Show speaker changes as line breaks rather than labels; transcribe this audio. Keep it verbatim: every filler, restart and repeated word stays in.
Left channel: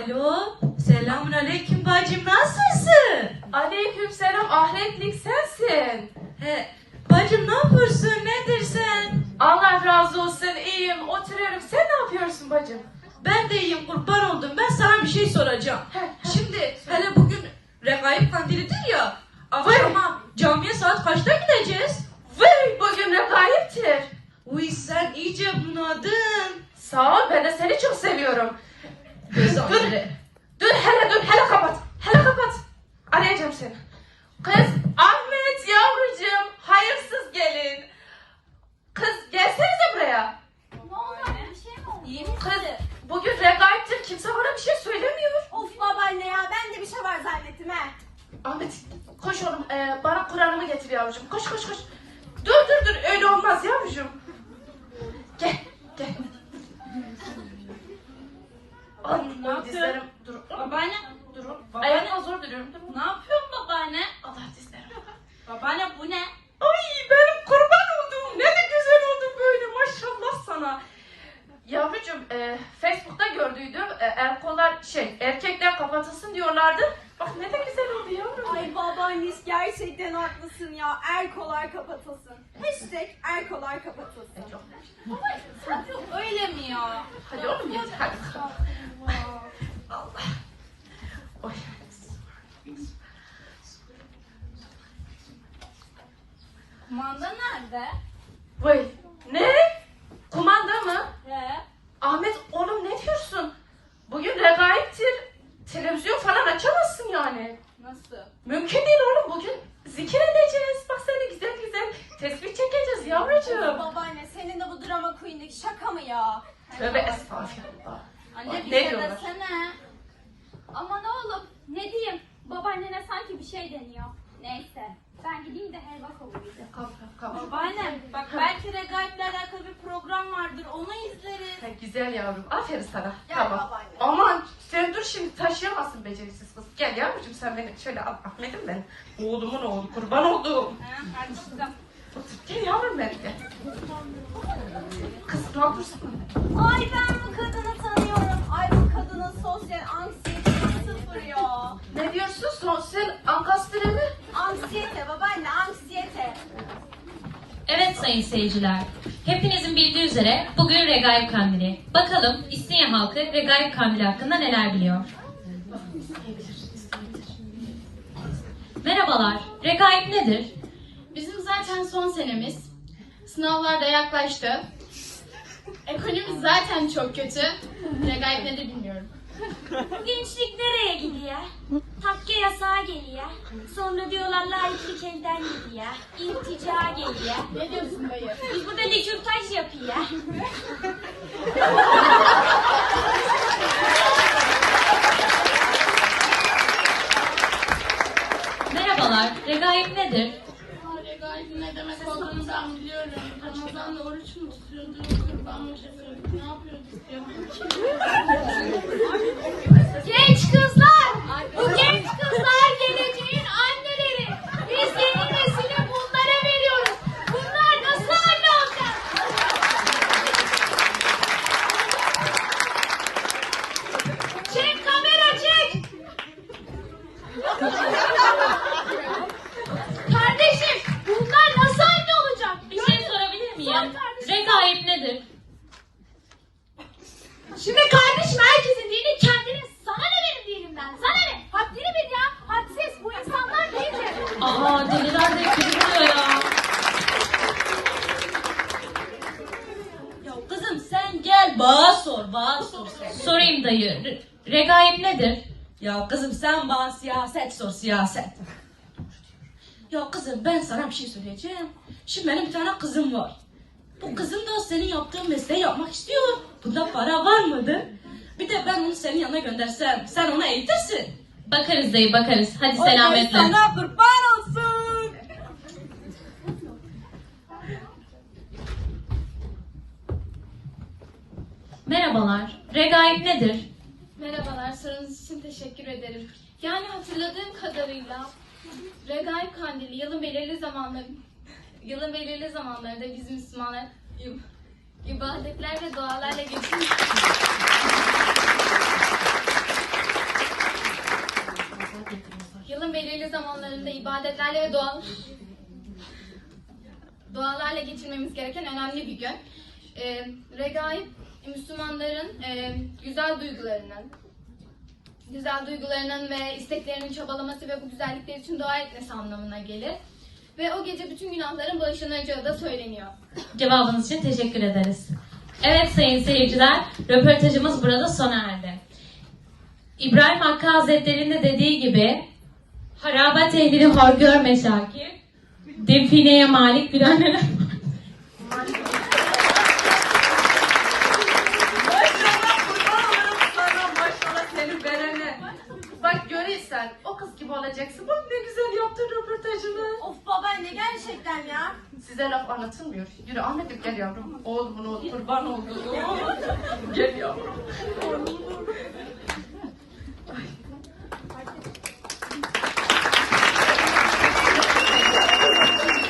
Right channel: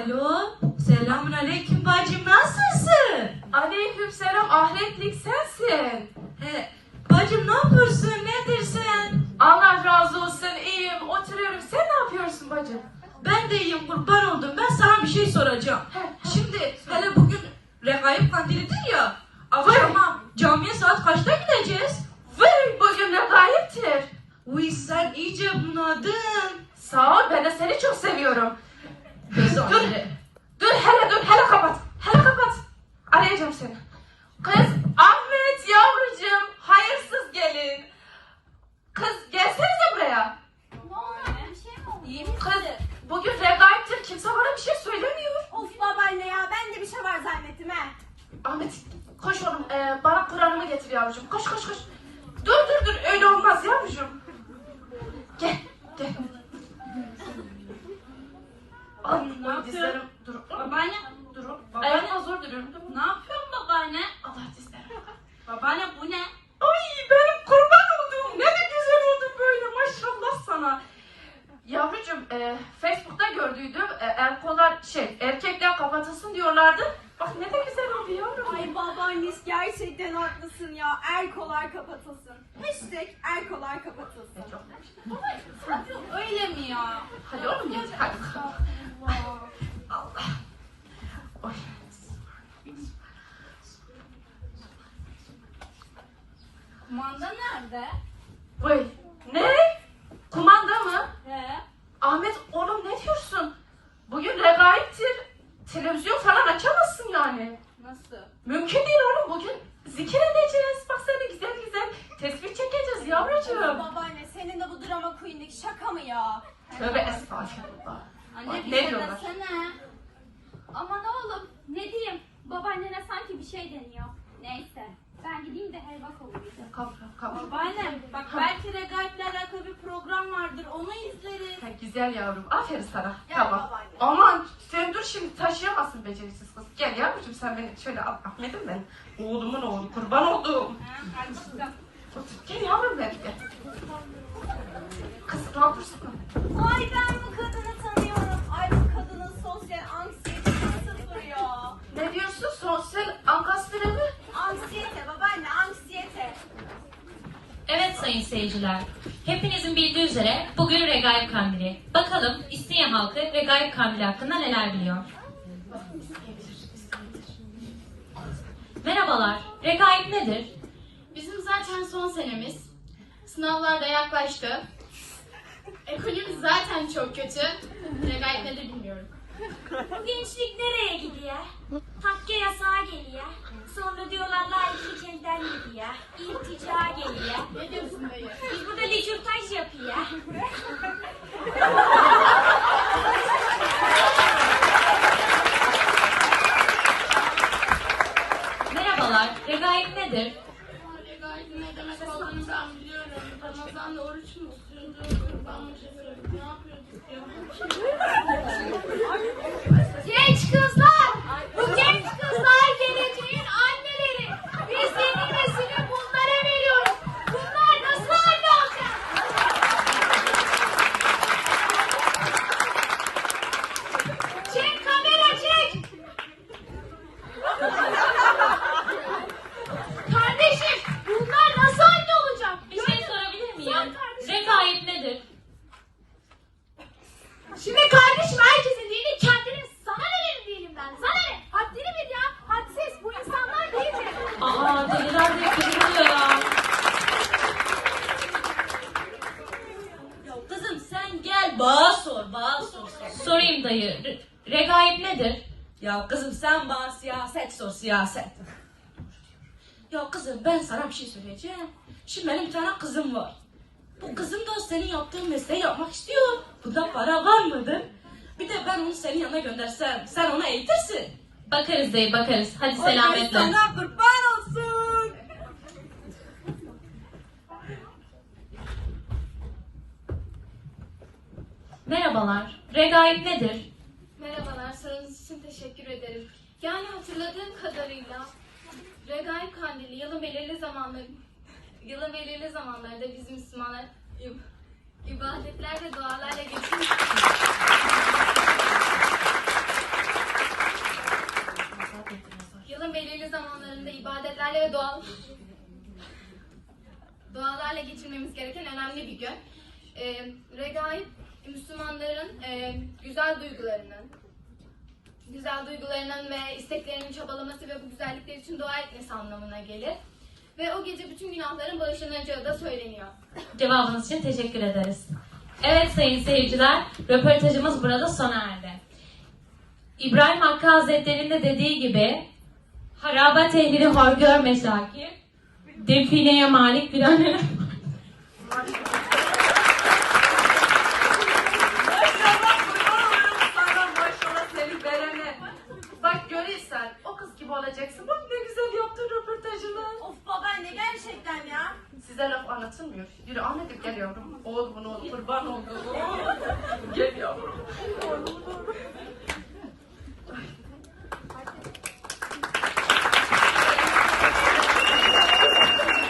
Alo, selamun aleyküm bacım, nasılsın?
Aleykümselam, ahretlik sensin.
He, bacım ne yapıyorsun, nedir sen?
Allah razı olsun, iyiyim, oturuyorum. Sen ne yapıyorsun bacım?
Ben de iyiyim, kurban oldum. Ben sana bir şey soracağım. Şimdi hele bugün Regaip Kandili'dir ya. Akşama camiye saat kaçta gideceğiz?
Vay, bugün ne gayiptir.
Uy, sen iyice bunadın.
Sağ ol, ben de seni çok seviyorum.
Göz
Dur,
önünde.
dur, hele dur, hele kapat. Hele kapat. Arayacağım seni. Kız, Ahmet yavrucuğum, hayırsız gelin. Kız, gelsenize buraya.
Ne oldu anne? Bir şey mi oldu?
İyi mi kız? Bugün regaiptir, kimse bana bir şey söylemiyor.
Of babaanne ya, ben de bir şey var zannettim he.
Ahmet, koş oğlum, ee, bana Kur'an'ımı getir yavrucuğum. Koş, koş, koş. Dur, dur, dur, öyle olmaz yavrucuğum. Gel, gel. Ay,
Ne yapıyorsun?
dizlerim, dur.
Babaanne.
Dur, babaanne zor duruyorum. Dur.
Ne yapıyorsun babaanne?
Allah dizlerim.
Babaanne bu ne?
Ay benim kurban oldum. Ne de güzel oldun böyle, maşallah sana. Yavrucuğum, e, Facebook'ta gördüydüm. E, erkolar şey, erkekler kapatılsın diyorlardı. Bak ne de güzel oldu yavrum.
Ay babaanne gerçekten haklısın ya. Erkolar kapatılsın. Hashtag erkolar kapatılsın. Öyle mi ya?
Hadi oğlum gel. Hadi.
Allah.
Allah. Oy.
Kumanda nerede?
Oy. Ne? Kumanda mı?
He.
Ahmet oğlum ne diyorsun? Bugün regaiptir. Televizyon falan açamazsın yani.
Nasıl?
Mümkün değil oğlum, bugün zikir edeceğiz. Bak seni güzel güzel tesbih çekeceğiz yavrucuğum.
Babaanne senin de bu drama queen'deki şaka mı ya?
Tövbe estağfurullah.
Anne bir
Ne
şey
diyorlar?
desene. Aman oğlum ne diyeyim, babaannene sanki bir şey deniyor. Neyse ben gideyim de helva kovayım.
Kalk, kalk, kalk.
Babaanne bak belki regaip'le alakalı bir program vardır, onu izleriz.
Ha, güzel yavrum, aferin sana.
Gel
Tamam.
babaanne.
Aman sen dur, şimdi taşıyamazsın beceriksiz kız. Gel yavrucuğum, sen beni şöyle al. Ahmet'im benim. Oğlumun oğlu, kurban oldum.
Ha, hadi çıkalım.
Gel yavrum benim, gel. Kız ne yapıyorsun?
Ay ben bu kadını tanıyorum. Ay bu kadının sosyal anksiyetesi sıfır ya.
Ne diyorsun? Sosyal ankastre mi?
Anksiyete babaanne, anksiyete.
Evet sayın seyirciler, hepinizin bildiği üzere bugün Regaip Kandili. Bakalım İstinye halkı Regaip Kandili hakkında neler biliyor? Merhabalar, Regaip nedir?
Bizim zaten son senemiz. Sınavlar da yaklaştı. Ekonomimiz zaten çok kötü. Regaip nedir bilmiyorum.
Bu gençlik nereye gidiyor? Takke yasağı geliyor. Sonra diyorlar layıklık elden gidiyor. İltica geliyor.
Ne diyorsun dayı?
Biz burada likürtaj yapıyor.
Merhabalar, Regaip nedir?
Regaip'in ne demek olduğunu ben biliyorum. Ramazan'da oruç mu tutuyorduk? Kurban mı yapıyorduk? Ne yapıyorduk ya?
Genç kızlar! Bu genç kızlar geleceğin anneleri. Biz yeni nesili bunlara veriyoruz. Bunlar nasıl anne olacak? Çek kamera çek! Kardeşim bunlar nasıl anne olacak?
Bir şey sorabilir miyim? Regaip nedir?
Şimdi kardeşim herkesin dini kendine, sana ne benim dinimden, sana ne? Haddini bil ya, hadsiz, bu insanlar değildir.
Aa, deliler de kırılıyor ya.
Ya kızım sen gel bana sor, bana sor. sor.
Sorayım dayı, Re- Regaip nedir?
Ya kızım sen bana siyaset sor, siyaset. Ya kızım ben sana bir şey söyleyeceğim. Şimdi benim bir tane kızım var. Bu kızım da senin yaptığın mesleği yapmak istiyor. Burada para var mıdır? Bir de ben onu senin yanına göndersem, sen onu eğitirsin.
Bakarız dayı, bakarız. Hadi selametle.
Sana kurban olsun.
Merhabalar, Regaip nedir?
Merhabalar, sorunuz için teşekkür ederim. Yani hatırladığım kadarıyla Regaip Kandili yılın belirli zamanları yılın belirli zamanlarında biz Müslümanlar ibadetler ve dualarla geçiyor. ibadetlerle ve doğal dualarla geçirmemiz gereken önemli bir gün. E, Regaib, Müslümanların e, güzel duygularının, güzel duygularının ve isteklerinin çabalaması ve bu güzellikler için dua etmesi anlamına gelir. Ve o gece bütün günahların bağışlanacağı da söyleniyor.
Cevabınız için teşekkür ederiz. Evet sayın seyirciler, röportajımız burada sona erdi. İbrahim Hakkı Hazretleri'nin de dediği gibi, harabat ehlini hor görme Şakir, defineye malik bir anne.
Bak görürsen o kız gibi olacaksın. Bak ne güzel yaptın röportajını.
Of babaanne gerçekten ya.
Size laf anlatılmıyor. Yürü Ahmet'im gel yavrum. Oğlumun oğlu kurban oldu. Gel yavrum.